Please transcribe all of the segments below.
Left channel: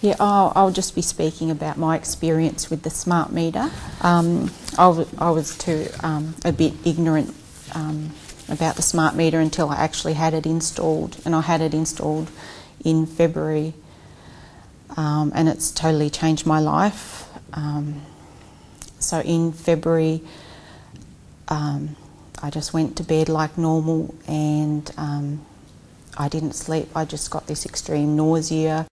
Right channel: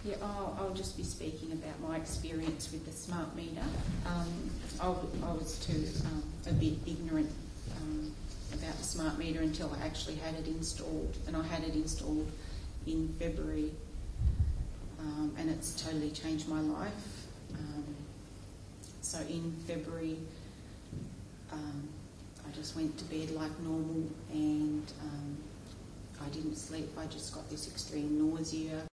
Yeah, I'll just be speaking about my experience with the smart meter. I was too a bit ignorant about the smart meter until I actually had it installed, and I had it installed in February, and it's totally changed my life. So in February, I just went to bed like normal, and I didn't sleep. I just got this extreme nausea.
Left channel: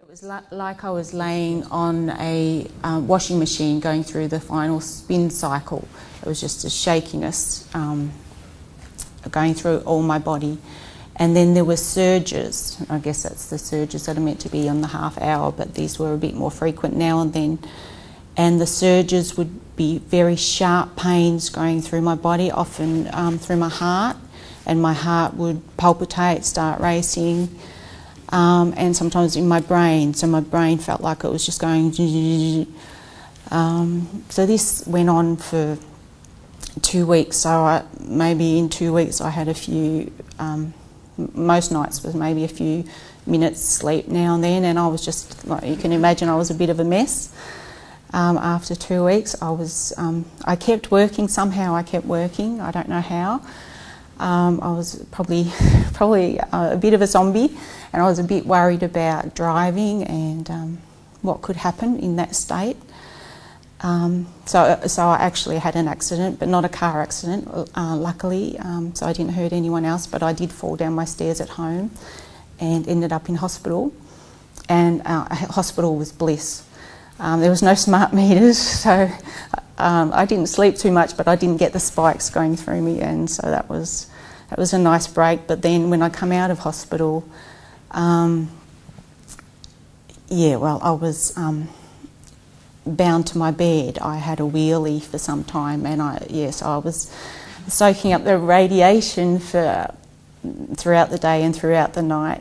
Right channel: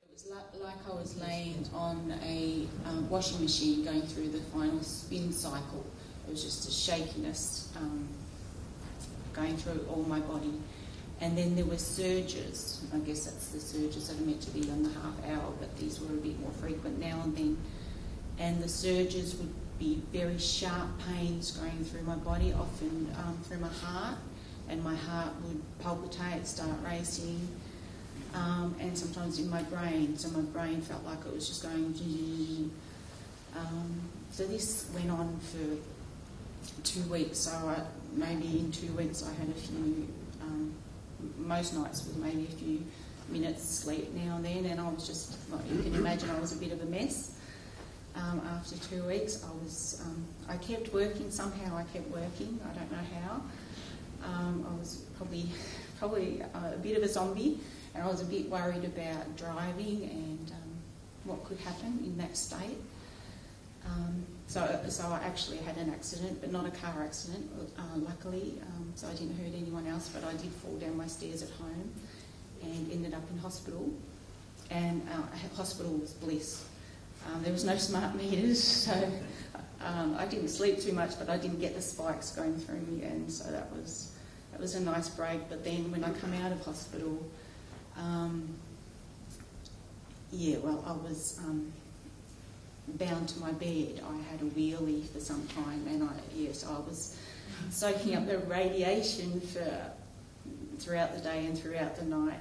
It was like I was laying on a washing machine going through the final spin cycle. It was just a shakiness going through all my body. And then there were surges. I guess that's the surges that are meant to be on the half hour, but these were a bit more frequent now and then. And the surges would be very sharp pains going through my body, often through my heart, and my heart would palpitate, start racing. And sometimes in my brain, so my brain felt like it was just going. So this went on for 2 weeks. So maybe in 2 weeks I had a few. Most nights was maybe a few minutes sleep now and then, and I was just like you can imagine, I was a bit of a mess. After 2 weeks, I kept working somehow. I kept working. I don't know how. I was probably a bit of a zombie, and I was a bit worried about driving and what could happen in that state. So I actually had an accident, but not a car accident, luckily, so I didn't hurt anyone else, but I did fall down my stairs at home and ended up in hospital, and hospital was bliss. There was no smart meters, so I didn't sleep too much, but I didn't get the spikes going through me, and so that was a nice break. But then when I come out of hospital, I was bound to my bed. I had a wheelie for some time, and I was soaking up the radiation throughout the day and throughout the night.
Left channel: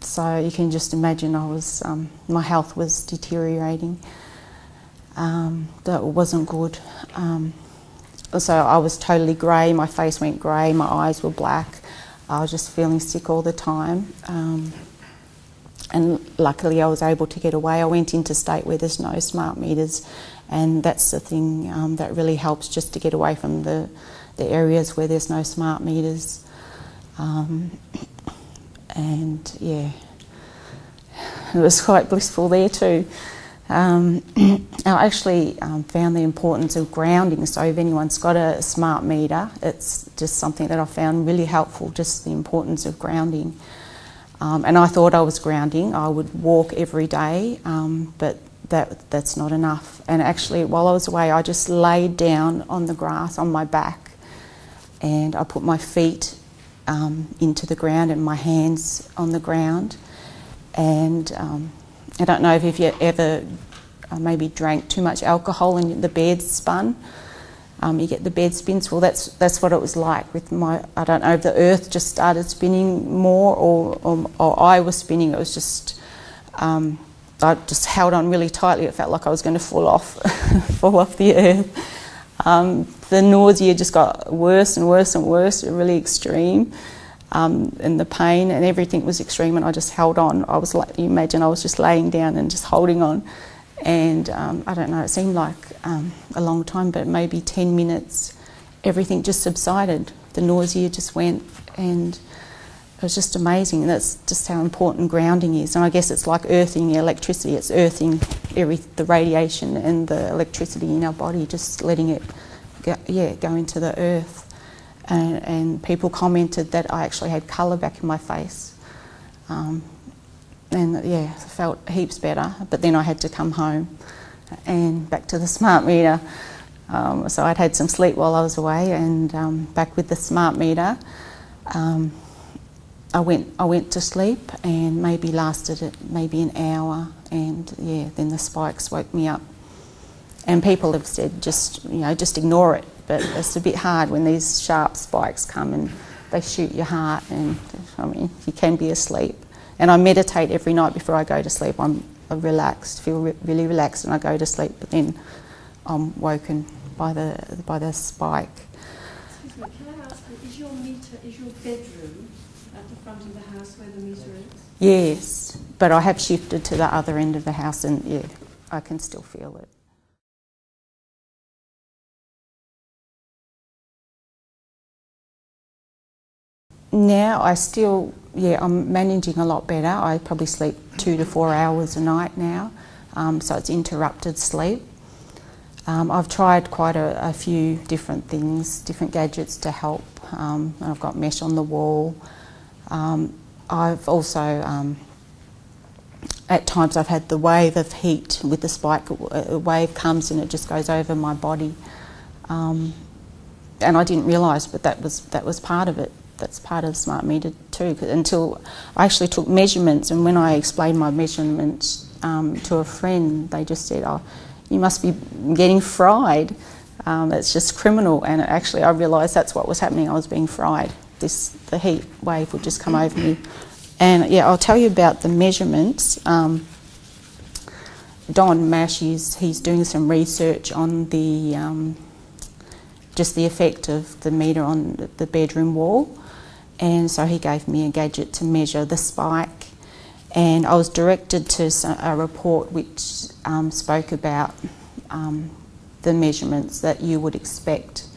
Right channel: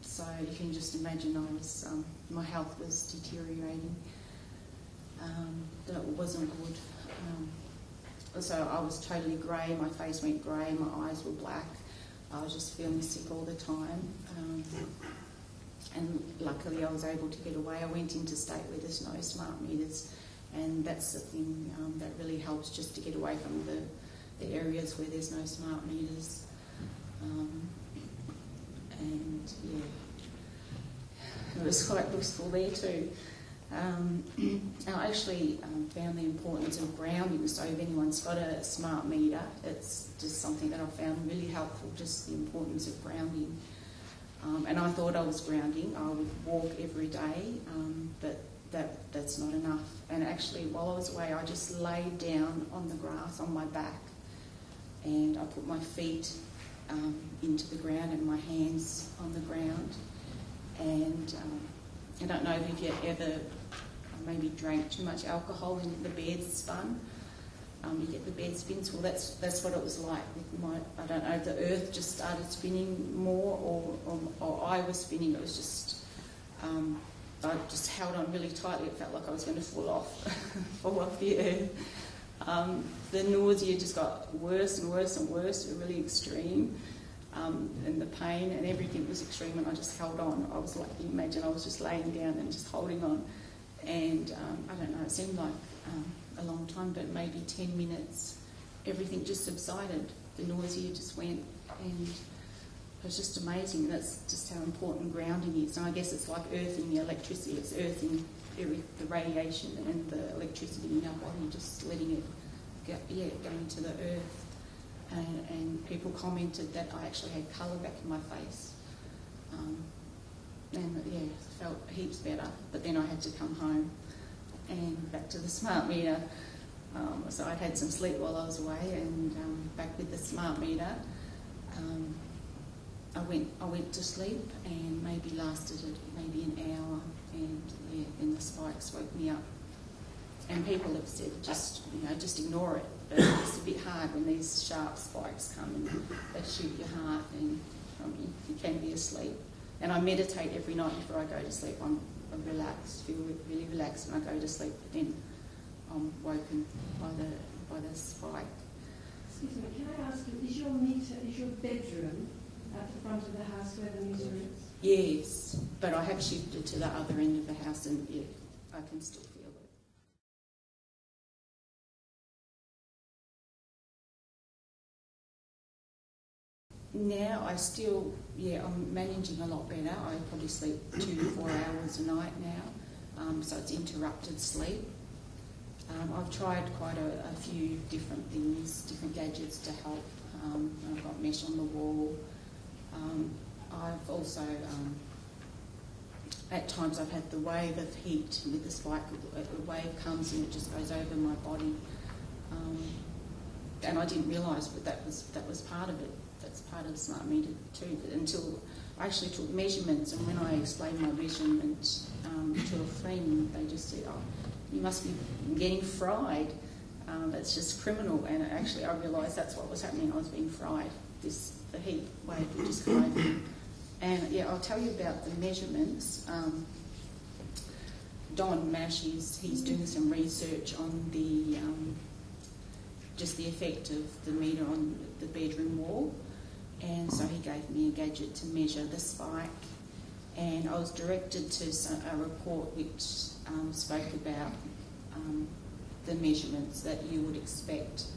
So you can just imagine my health was deteriorating. That wasn't good. So I was totally grey, my face went grey, my eyes were black. I was just feeling sick all the time. And luckily I was able to get away. I went into state where there's no smart meters, and that's the thing that really helps, just to get away from the areas where there's no smart meters. And yeah, it was quite blissful there too. I actually found the importance of grounding, so if anyone's got a smart meter, it's just something that I found really helpful, just the importance of grounding. And I thought I was grounding. I would walk every day, but that's not enough. And actually, while I was away, I just laid down on the grass on my back, and I put my feet into the ground and my hands on the ground. And I don't know if you ever maybe drank too much alcohol and the bed spun. You get the bed spins. Well, that's what it was like with my. I don't know if the earth just started spinning more, or I was spinning. It was just I just held on really tightly. It felt like I was going to fall off the earth. The nausea just got worse and worse and worse, really extreme, and the pain and everything was extreme. And I just held on. I was like, you imagine, I was just laying down and just holding on. And I don't know, it seemed like a long time, but maybe 10 minutes, everything just subsided. The nausea just went, and it was just amazing. And that's just how important grounding is. And I guess it's like earthing electricity. It's earthing the radiation and the electricity in our body, just letting it go into the earth. And people commented that I actually had colour back in my face. And yeah, I felt heaps better, but then I had to come home and back to the smart meter. So I'd had some sleep while I was away, and back with the smart meter. I went to sleep, and maybe lasted an hour, and yeah, then the spikes woke me up. And people have said just ignore it, but it's a bit hard when these sharp spikes come and they shoot your heart, and I mean, you can be asleep. And I meditate every night before I go to sleep. I'm relaxed, feel really relaxed, and I go to sleep. But then I'm woken by the spike. Excuse me, can I bedroom at the front of the house where the meter is? Yes, but I have shifted to the other end of the house and yeah, I can still feel it. Now I'm managing a lot better. I probably sleep 2 to 4 hours a night now, so it's interrupted sleep. I've tried quite a few different things, different gadgets to help. I've got mesh on the wall. I've also, at times I've had the wave of heat with the spike. A wave comes and it just goes over my body. And I didn't realise, but that was part of it. That's part of the smart meter too, until I actually took measurements, and when I explained my measurements to a friend, they just said, "Oh, you must be getting fried. It's just criminal." And actually I realised that's what was happening. I was being fried. The heat wave would just come over me. And yeah, I'll tell you about the measurements. Don Mash, he's doing some research on just the effect of the meter on the bedroom wall. And so he gave me a gadget to measure the spike, and I was directed to a report which spoke about the measurements that you would expect.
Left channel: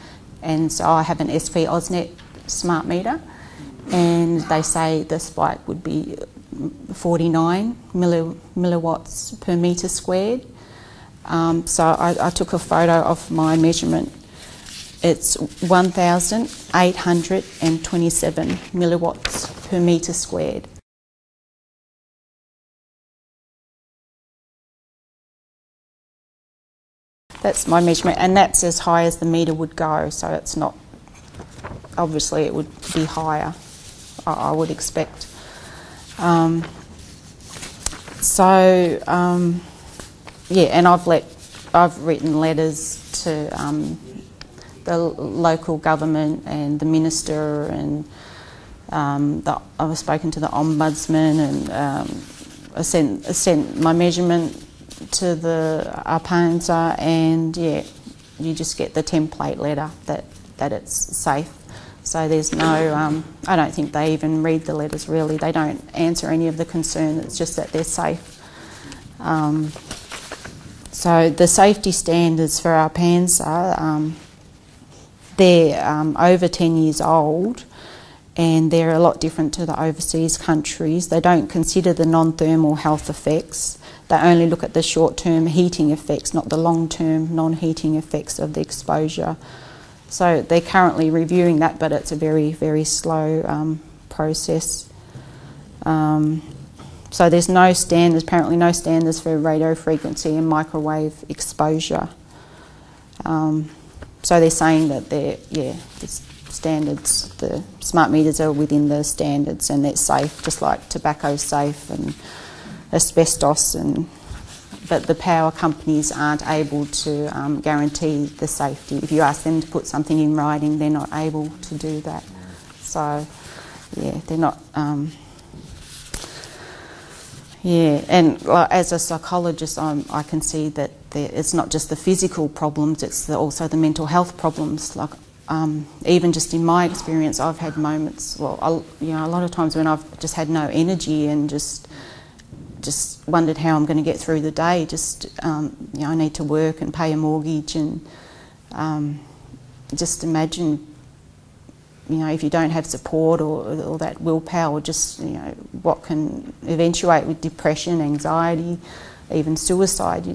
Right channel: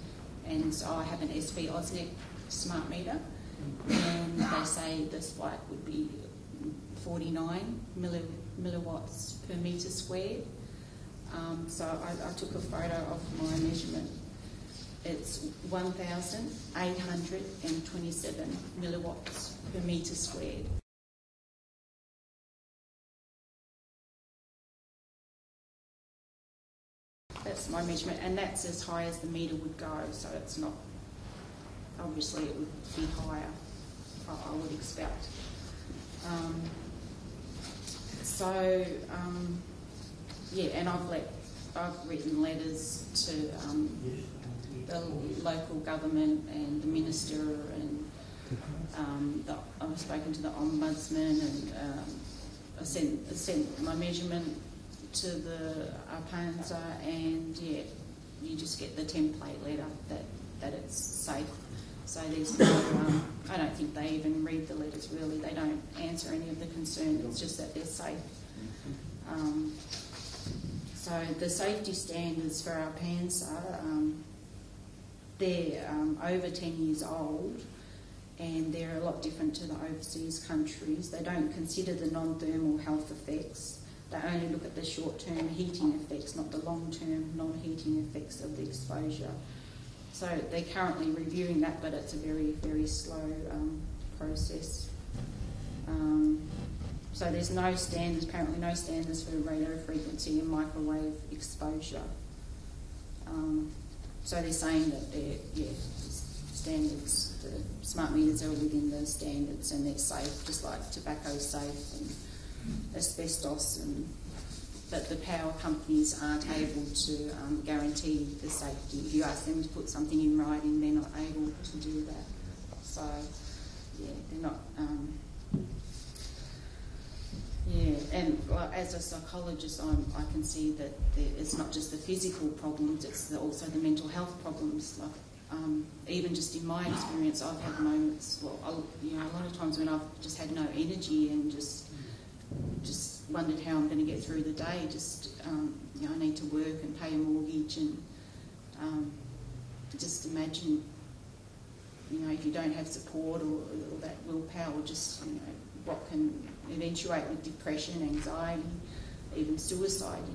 And so I have an SV AusNet smart meter, and they say the spike would be 49 milliwatts per metre squared. So I took a photo of my measurement. It's 1,827 milliwatts per metre squared. That's my measurement, and that's as high as the meter would go, so it's not, obviously it would be higher, I would expect. Yeah, and I've written letters to the local government and the minister, and I've spoken to the ombudsman, and I sent my measurement to the Arpanza, and yeah, you just get the template letter that it's safe. So there's no, I don't think they even read the letters really. They don't answer any of the concern. It's just that they're safe. So the safety standards for Arpanza, they're over 10 years old, and they're a lot different to the overseas countries. They don't consider the non-thermal health effects. They only look at the short-term heating effects, not the long-term non-heating effects of the exposure. So they're currently reviewing that, but it's a very, very slow process. So there's no standards, apparently no standards for radio frequency and microwave exposure. So they're saying that the standards, the smart meters are within the standards and they're safe, just like tobacco's safe and asbestos, but the power companies aren't able to guarantee the safety. If you ask them to put something in writing, they're not able to do that. So yeah, they're not. Yeah, and as a psychologist, I can see that it's not just the physical problems; it's also the mental health problems. Like even just in my experience, I've had moments. Well, a lot of times when I've just had no energy and just wondered how I'm going to get through the day. I need to work and pay a mortgage, and just imagine. If you don't have support or that willpower, what can eventuate with depression, anxiety, even suicide.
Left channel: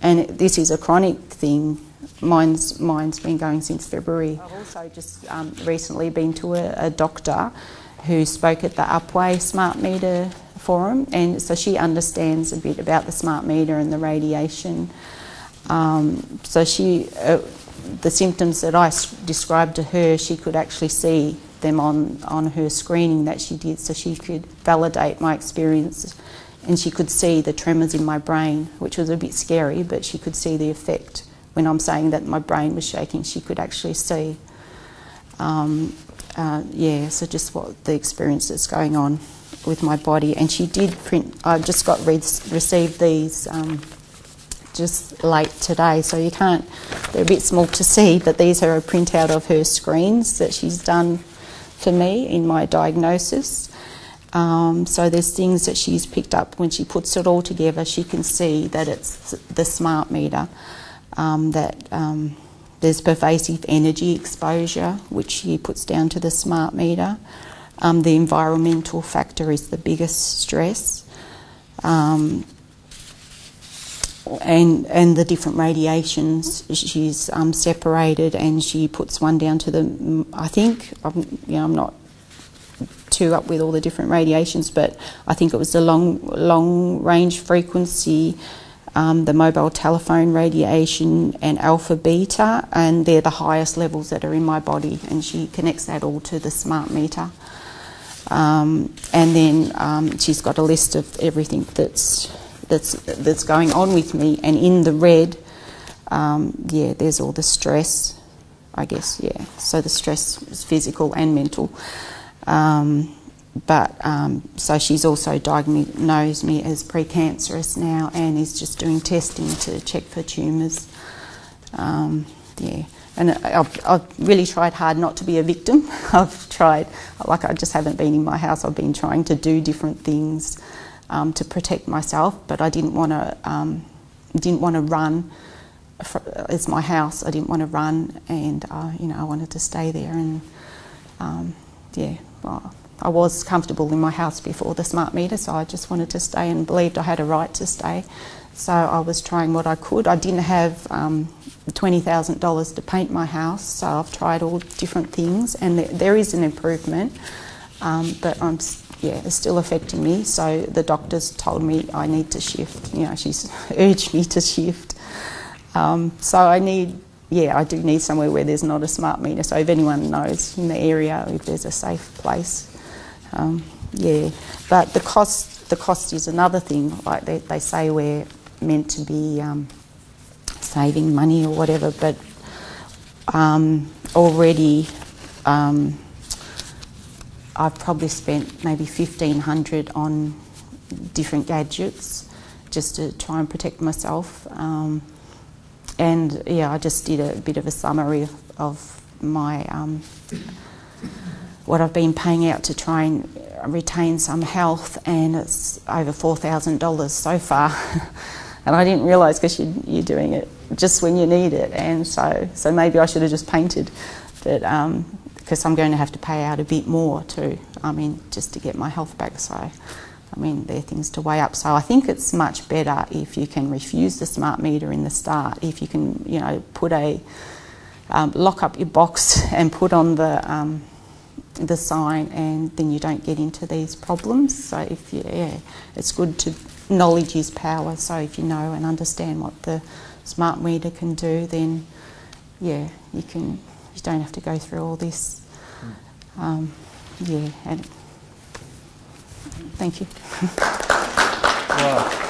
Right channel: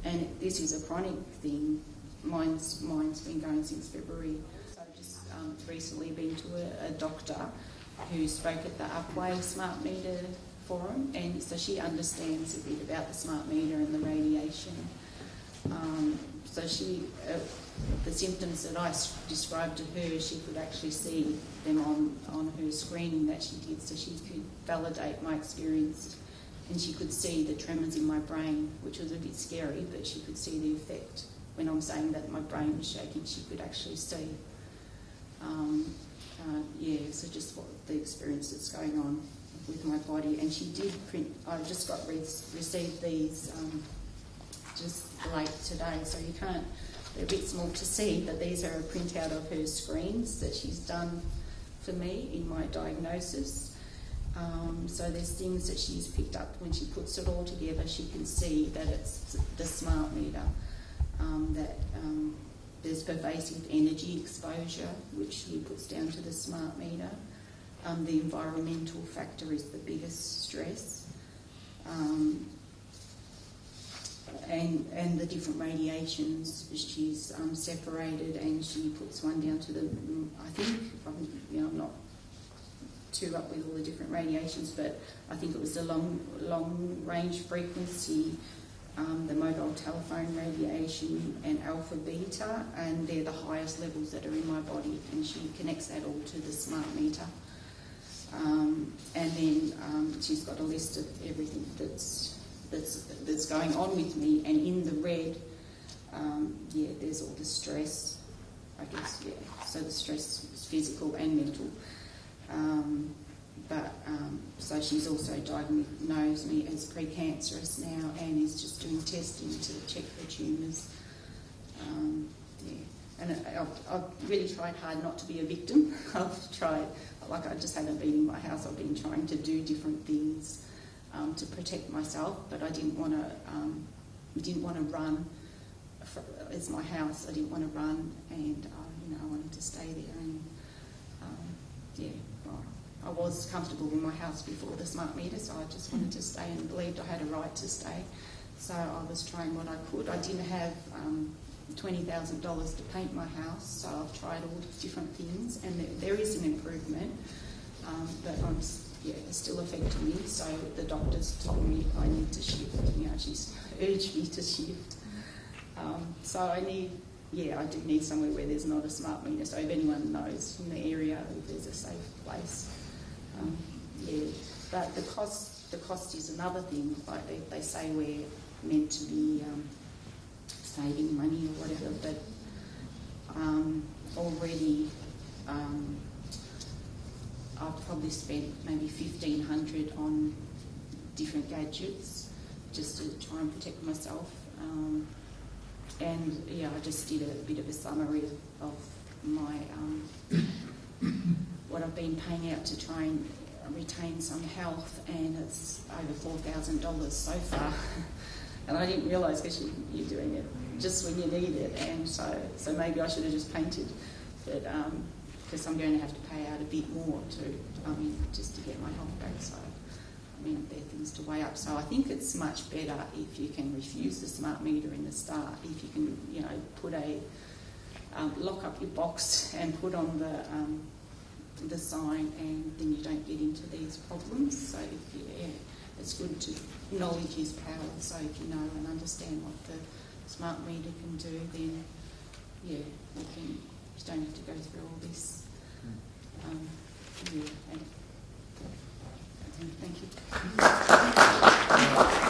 And this is a chronic thing. Mine's been going since February. I've also just recently been to a doctor who spoke at the Upway Smart Meter Forum, and so she understands a bit about the smart meter and the radiation. So the symptoms that I described to her, she could actually see them on her screening that she did, so she could validate my experience, and she could see the tremors in my brain, which was a bit scary, but she could see the effect. When I'm saying that my brain was shaking, she could actually see. So just what the experience that's going on with my body. And she did print, I just received these just late today, so you can't, they're a bit small to see, but these are a printout of her screens that she's done for me in my diagnosis. So there's things that she's picked up. When she puts it all together, she can see that it's the smart meter, that there's pervasive energy exposure, which she puts down to the smart meter. The environmental factor is the biggest stress. And the different radiations she's separated, and she puts one down to the, I think, I'm not too up with all the different radiations, but I think it was the long range frequency, the mobile telephone radiation and alpha beta, and they're the highest levels that are in my body, and she connects that all to the smart meter. And then she's got a list of everything that's going on with me, and in the red, yeah, there's all the stress, I guess, yeah. So the stress is physical and mental. So she's also diagnosed me as precancerous now, and is just doing testing to check for tumours. Yeah, and I've really tried hard not to be a victim. I've tried, like, I just haven't been in my house. I've been trying to do different things to protect myself, but I didn't want to run. It's my house. I didn't want to run, and you know, I wanted to stay there. And yeah, well, I was comfortable in my house before the smart meter, so I just wanted to stay and believed I had a right to stay. So I was trying what I could. I didn't have $20,000 to paint my house, so I've tried all different things, and there is an improvement, but yeah, it's still affecting me. So the doctors told me I need to shift. You know, she's urged me to shift. So I do need somewhere where there's not a smart meter. So if anyone knows in the area, if there's a safe place, yeah. But the cost is another thing. Like they say we're meant to be saving money or whatever, but already I've probably spent maybe $1,500 on different gadgets just to try and protect myself. And yeah, I just did a bit of a summary of my what I've been paying out to try and retain some health, and it's over $4,000 so far. And I didn't realise, because you're doing it just when you need it, and so maybe I should have just painted, but because I'm going to have to pay out a bit more too. I mean, just to get my health back. So, I mean, there are things to weigh up. So I think it's much better if you can refuse the smart meter in the start. If you can, you know, put a lock up your box and put on the sign, and then you don't get into these problems. So if it's good to, knowledge is power. So if you know and understand what the smart meter can do, then yeah, you don't have to go through all this. Yeah, and thank you. Wow.